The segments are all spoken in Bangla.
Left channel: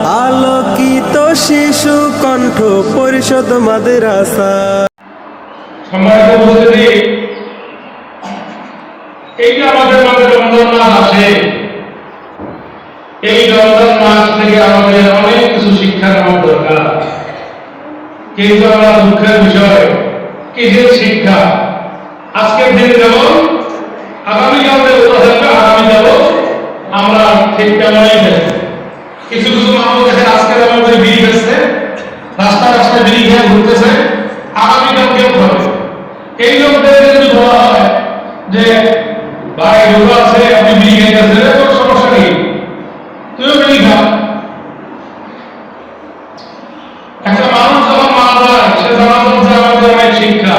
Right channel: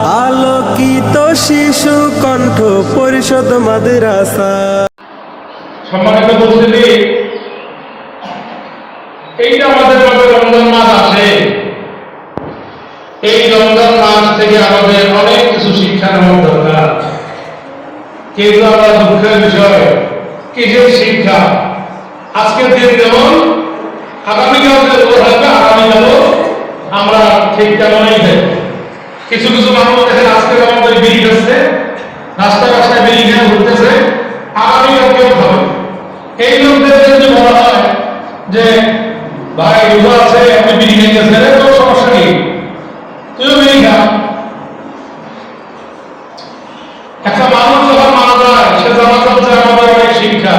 আলোকিত শিশু কণ্ঠ পরিষদ মাদ্রাসা। সম্মানিত উপস্থিতি, এইটা আমাদের মাঝে রমজান মাস আসে। এই রমজান মাস থেকে আমাদের অনেক কিছু শিক্ষা নেওয়ার দরকার, কিন্তু আমরা দুঃখের বিষয় কিসের শিক্ষা? আজকের দিন যেমন আগামীকাল যে রোজা থাকবে, আগামীকালও আমরা ঠিক তেমনই থাকবো। কিছু কিছু মানুষ দেখেন আজকে আমাদের বিড়ি খাচ্ছে, রাস্তায় রাস্তায় বিড়ি খেয়ে ঘুরতেছে, আগামীকাল কেউ খাবে। এই লোকদেরকে যদি বলা হয় যে ভাই রোজা আছে, আপনি বিড়ি খেয়েছেন, তোর সমস্যা নেই, তুইও বিড়ি খা। একটা মানুষ যখন মারা যায়, সে জানা যাচ্ছে আমাদের অনেক শিক্ষা,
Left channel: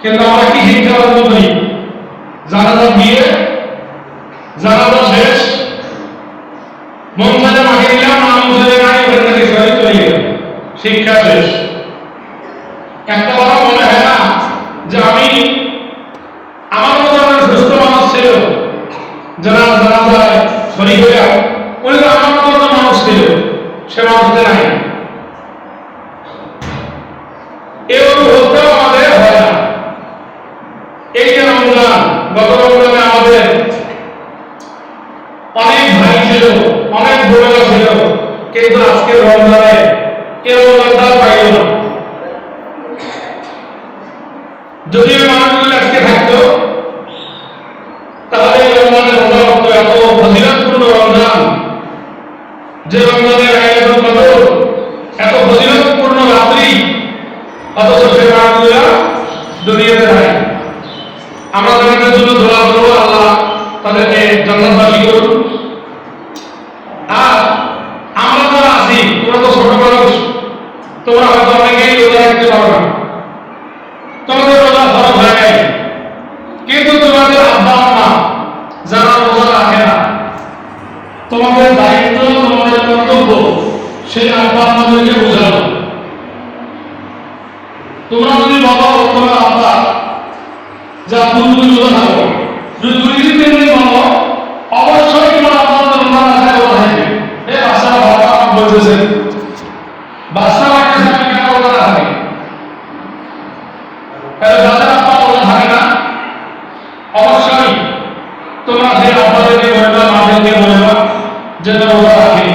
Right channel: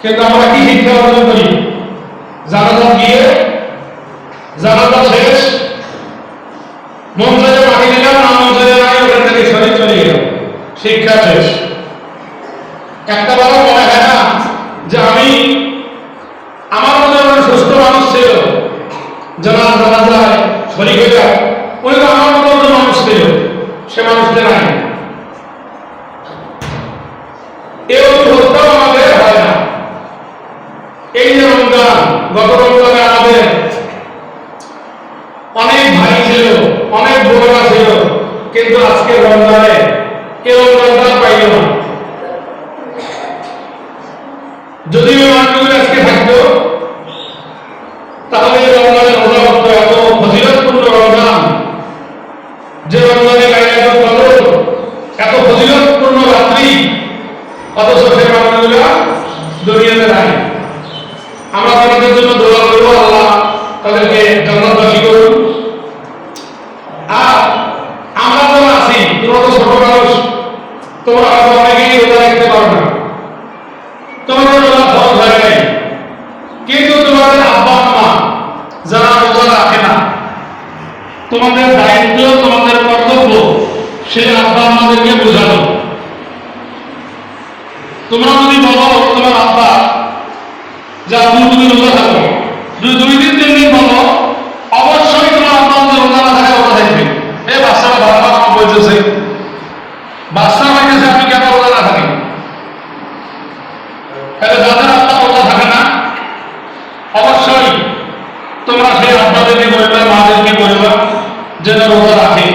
কিন্তু আমরা কি শিক্ষা অর্জন করি? জানাজা দিয়ে জানাজা শেষ, মন চাইলে মাটি দিলাম, না মন চাইলে নাই, ওখান থেকে সরে চলে গেল, শিক্ষা শেষ। একটা বড় মনে হয় না যে আমি আমার মতো সুস্থ মানুষ ছিল, জানাজায় শরীর হয়ে যায়, উনি তো আমার মতো মানুষ ছিল, সে মানুষটা নাই। এই অনুভবটাও আমাদের হয় না। এই যে রমজান, গত রমজানে আমাদের অনেক ভাই ছিল, অনেক বোনেরা ছিল, কিন্তু আজকের রমজানে এই রমজানটা পাইল না। যদি ওই মানুষগুলো আজকে থাকতো, তাহলে এই রমজানের রোজা হতো এত ফজিলতপূর্ণ রমজান, যে রমজানে লাইলাতুল কদর এত ফজিলতপূর্ণ রাত্রি, অথচ সেই মানুষগুলো দুনিয়াতে নাই। আমরা তাদের জন্য দোয়া করবো, আল্লাহ তাদেরকে জান্নাতবাসী করুন। আর আমরা যারা আছি, তোমরা তো ছোট মানুষ, তোমরা হয়তো অনেকেই রোজা রাখতে পারো না, তোমাদের রোজা ফরজ হয় নাই, কিন্তু তোমাদের আব্বা আম্মা যারা রোজা রাখে না, তোমাদের দায়িত্ব, তোমাদের কর্তব্য সেই আব্বা আম্মাদেরকে বোঝানো। তোমরা যদি বলো তোমার আব্বা যা তুমি রোজা থাকো, যদি 2 দিন 3 দিন বলো, অবশ্যই তোমার আব্বা আম্মা রোজা না থাকে, রোজা থাকবে। এই বাচ্চারা বারবার আমাকে বলতেছে, বাচ্চা বলতেছে আমি কেন রোজা না থাকি? তাহলে যাদের আব্বা রোজা থাকে না, অবশ্যই তোমরা সেই আব্বাদেরকে বলবা, মাদেরকে বলবা যেন রোজা রাখে।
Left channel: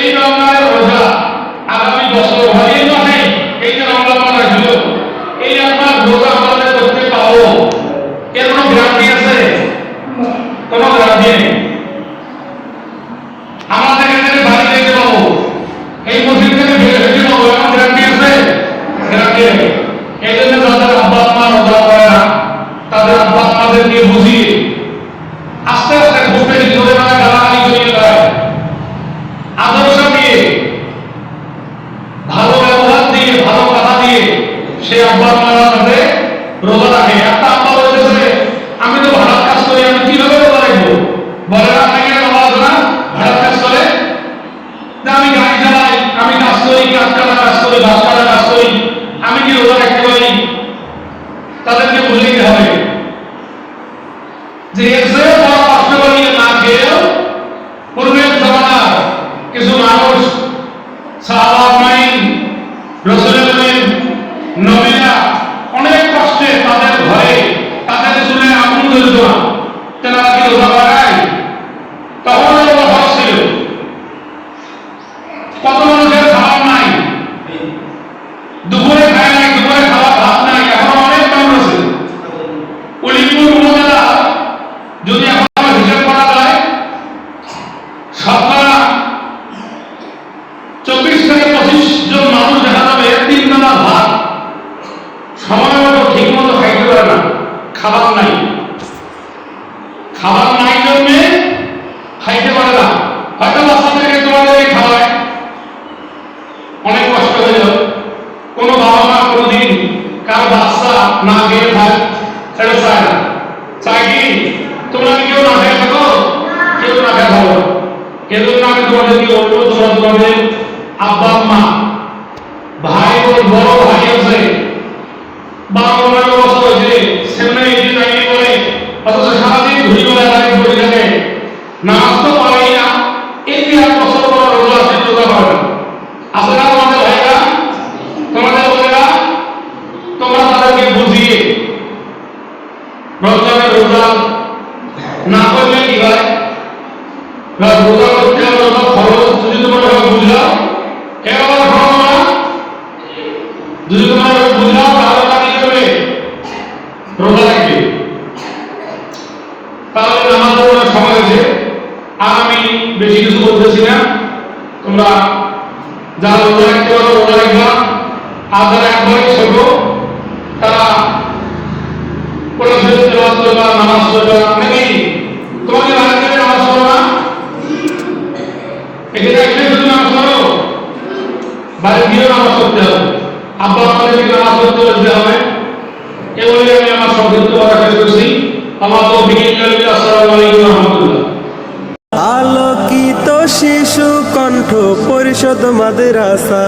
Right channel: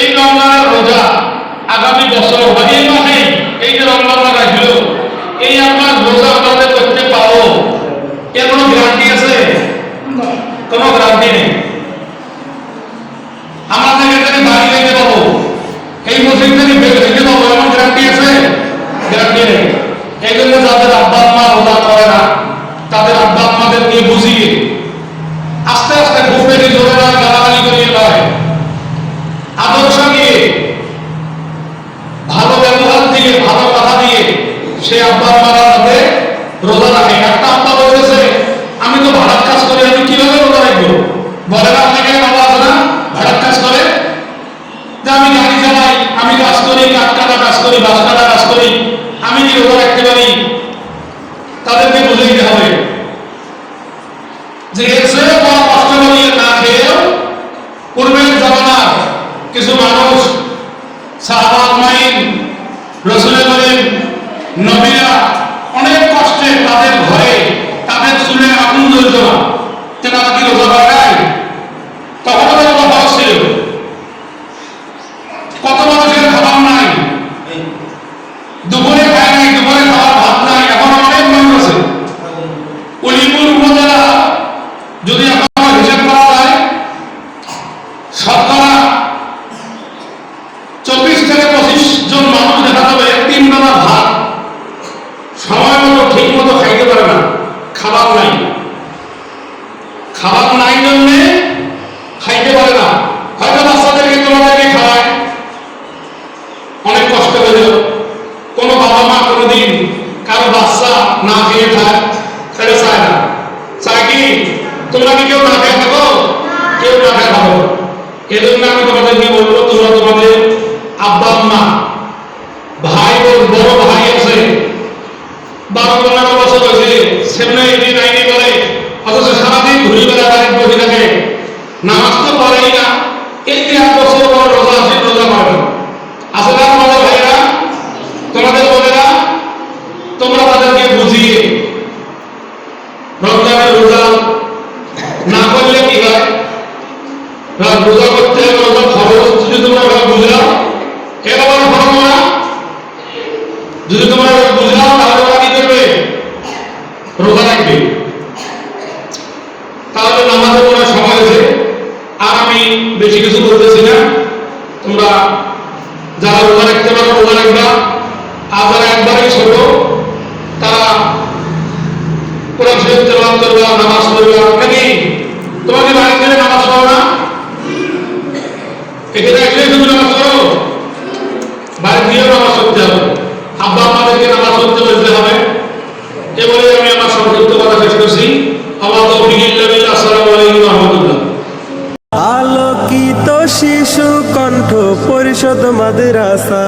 এই রমজানের রোজা আগামী বছর মানে এই মাসে, এই যে রমজান মাস আসলো, এই আপনার রোজা আমাদের করতে পাবো, এর কোনো গ্যারান্টি আছে? কোনো গ্যারান্টি নেই। আমরা এখান থেকে বাড়ি যেতে পাবো, এই মসজিদ থেকে বের হতে পাবো, এমন গ্যারান্টি আছে? গ্যারান্টি নেই। এই জন্য যাদের আব্বা আম্মা রোজা করে না, তাদের আব্বা আম্মাদের নিয়ে বুঝিয়ে আস্তে আস্তে খুব বেশি জোরে নয়, গালাগালি করিয়ে নয়, আদর্শ দিয়ে, ভালো ব্যবহার দিয়ে, ভালো কথা দিয়ে সেই আব্বা আম্মারা যাতে রোজা রাখে। একটা আব্বা বলতেছে আমি তো ভাড়ার কাজ করি, আমি কিভাবে রোজা রাখবো? বলে না আপনাকে, বাবা আছে না ভাড়ার কাজ করে, যে আমি গাড়ি চালাই, আমি কাজ করি, কাঠ কাটা কাজ করি, বাস কাটা কাজ করি, আমি কি রোজা রাখতে পারি? তাদেরকে বুঝাইতে হবে যে এর চেয়ে বড় কষ্ট করিয়ে না খেয়েও পূর্বের জামানার কিছু মানুষ, সাহাবা আজমাইন, রাসূল করিম, নবীরা অনেক কষ্টে তাদের ঘরে, তাদের চুলে আগুন জ্বলত না, তেনারা কি রোজা করে নাই? তখনও তো রোজা ফরজ ছিল। কত মানুষের খাবার নাই, দুপুরে খায় নাই, দুপুরে খাবার ভাত নাই, এখনো অনেক মানুষ আছে। উলিপুর উপজেলা যদি এখন হিসাব করা যায়, শতকরা 24 থেকে 25 জন মানুষ দেখা যাবে 3 বেলা ভাত সময় মতো ঠিক মতো খাইতে পারে না, খাবার নাই। খাবার নাই জন্যে খাইতে পারে না, হয়তো বাচ্চাদেরকে তোমাদেরকে খাওয়ায়, অনেক কষ্ট করে। কোনো বাবা মা কোনোদিন কারো বাচ্চা না খেয়ে খায়, সেটা চায় না। চায় কি তোমরা কি কেউ না খেয়ে থাকো? কেউ না খেয়ে থাকো। এই জন্য আমি তোমাদেরকে বলবো, তোমরা তোমাদের আব্বা আম্মা, ভাই বোন, বড় ভাই আছে, 12-15 বছর হয়েছে, 7-8-9 করে, অথচ সারাদিন ঘুরি বেড়ায় বাড়ির বসে থাকে, নামাজ তো পড়েই না। এই যে 1 বছর পর তোমরা যারা রোজা রাখতে পারো রোজা রাখবা, আর যারা একবারে ছোট তারা কোরআন শরীফ তেলাওয়াত করবা, নামাজ পড়বা। নাকি তোমাকে বাড়ি থেকে নামাজ পড়ো না? এখানে আসলে তুমি নামাজ পড়ো, বাড়ি গিয়ে নামাজ পড়তে হবে, আব্বা আম্মাদেরকে নামাজ পড়তে বলতে হবে। এ বলে আমি আমার সংক্ষিপ্ত কথা শেষ করছি। আমার তৌফিক ইল্লা বিল্লাহ। আসসালামু আলাইকুম ওয়া রাহমাতুল্লাহ। আলোকিত শিশু কণ্ঠ পরিষদ মাদ্রাসা।